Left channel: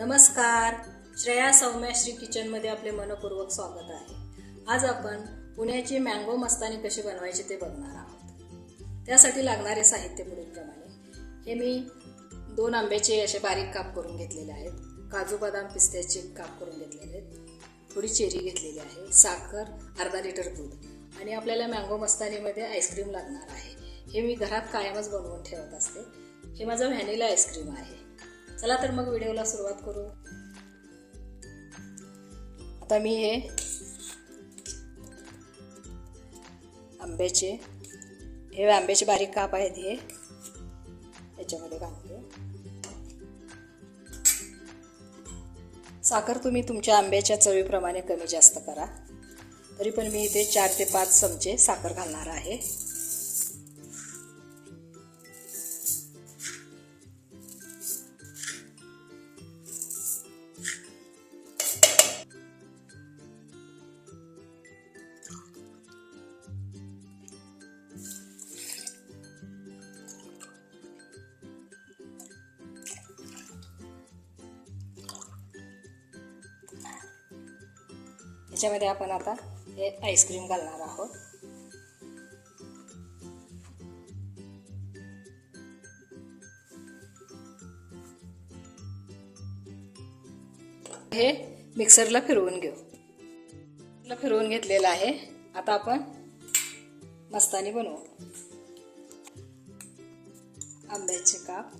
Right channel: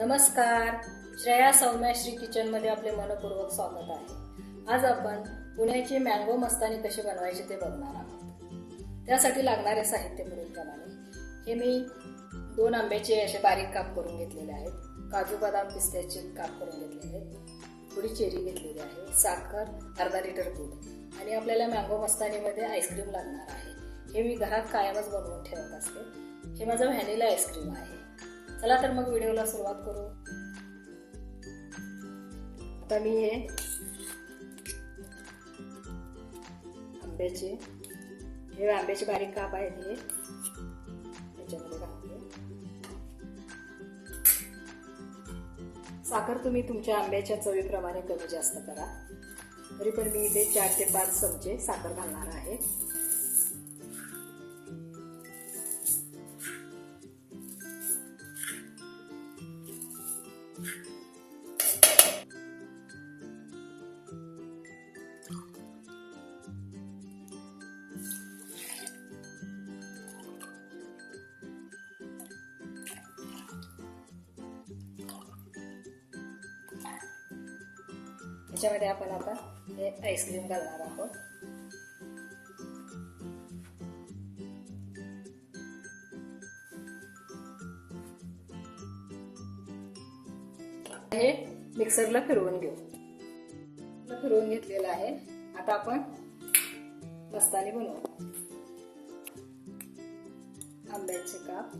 नमस्कार. श्रेया सौम्याश्री किचनमध्ये आपले मनपूर्वक स्वागत आहे. आज आपण पुण्याची मँगो मस्तानी कशी बनवायची ते बघणार आहोत. त्यासाठी लागणारे साहित्य पुढीलप्रमाणे. हे मी दोन आंब्याचे असे बारीक काप करून घेतलेले आहेत. काजू बदाम पिस्त्याचे काप करून घेतलेले आहेत. थोडी चेरी घेतलेली आहे. साखर अर्धा लिटर दूध. आणि आपल्याला मँगो मस्तानीमध्ये आईस्क्रीम लागणार आहे. हे मी घरात कायमच बनवून ठेवत असते. हे माझं व्हॅनिला आईस्क्रीम आहे. चला तर मग व्हिडिओला सुरुवात करू. आता मी हे आंब्याचे हे आंब्याचे बारीक काप आहेत हे. याच्यामध्ये घालते. साखर तुम्ही तुमच्या आंब्याच्या चवीप्रमाणे कमी जास्त करा. तरी पण मी इथे चार ते पाच चमचे साखर घालणार आहे. याच्यामध्ये आपण आता हे आईस्क्रीम घालणार आहोत. हे मिक्सरला फिरवून घेऊ. फिरवून घेतलेलं आहे. आता आपण मस्तानी बनवू. आंब्याचे काप.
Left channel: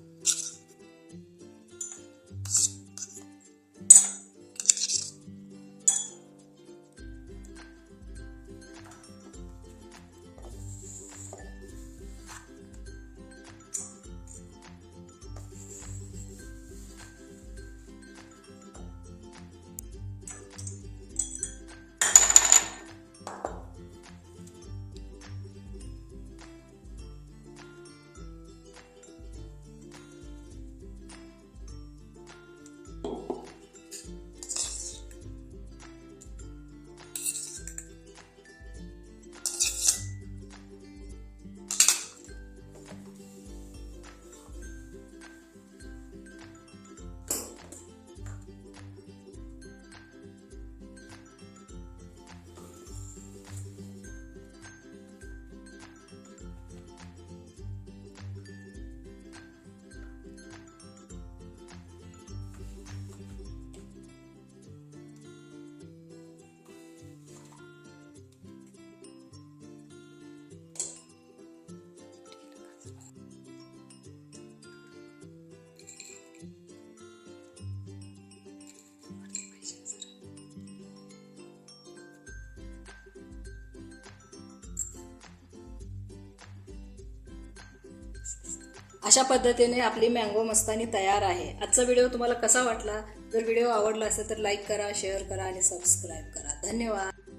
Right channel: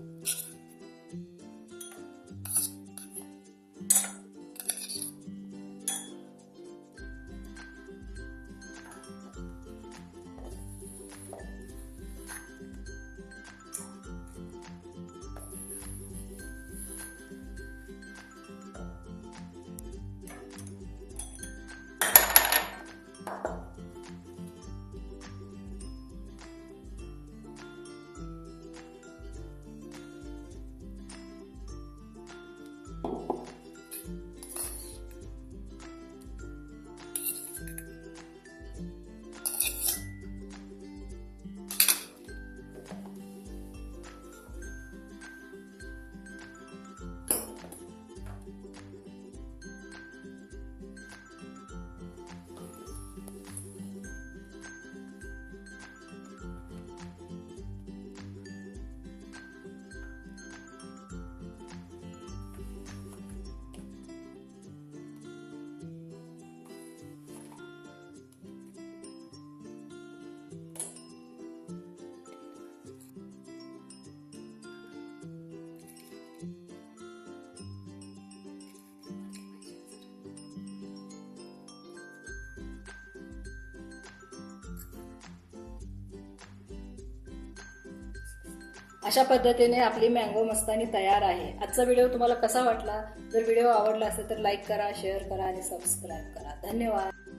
अशा पद्धतीने आपली मँगो मस्तानी तयार आहे. आजचा व्हिडिओ तुम्हाला कसा वाटला? जर व्हिडिओ आवडला असेल तर लाईक करा शेअर करा आणि सबस्क्राईब करा. धन्यवाद.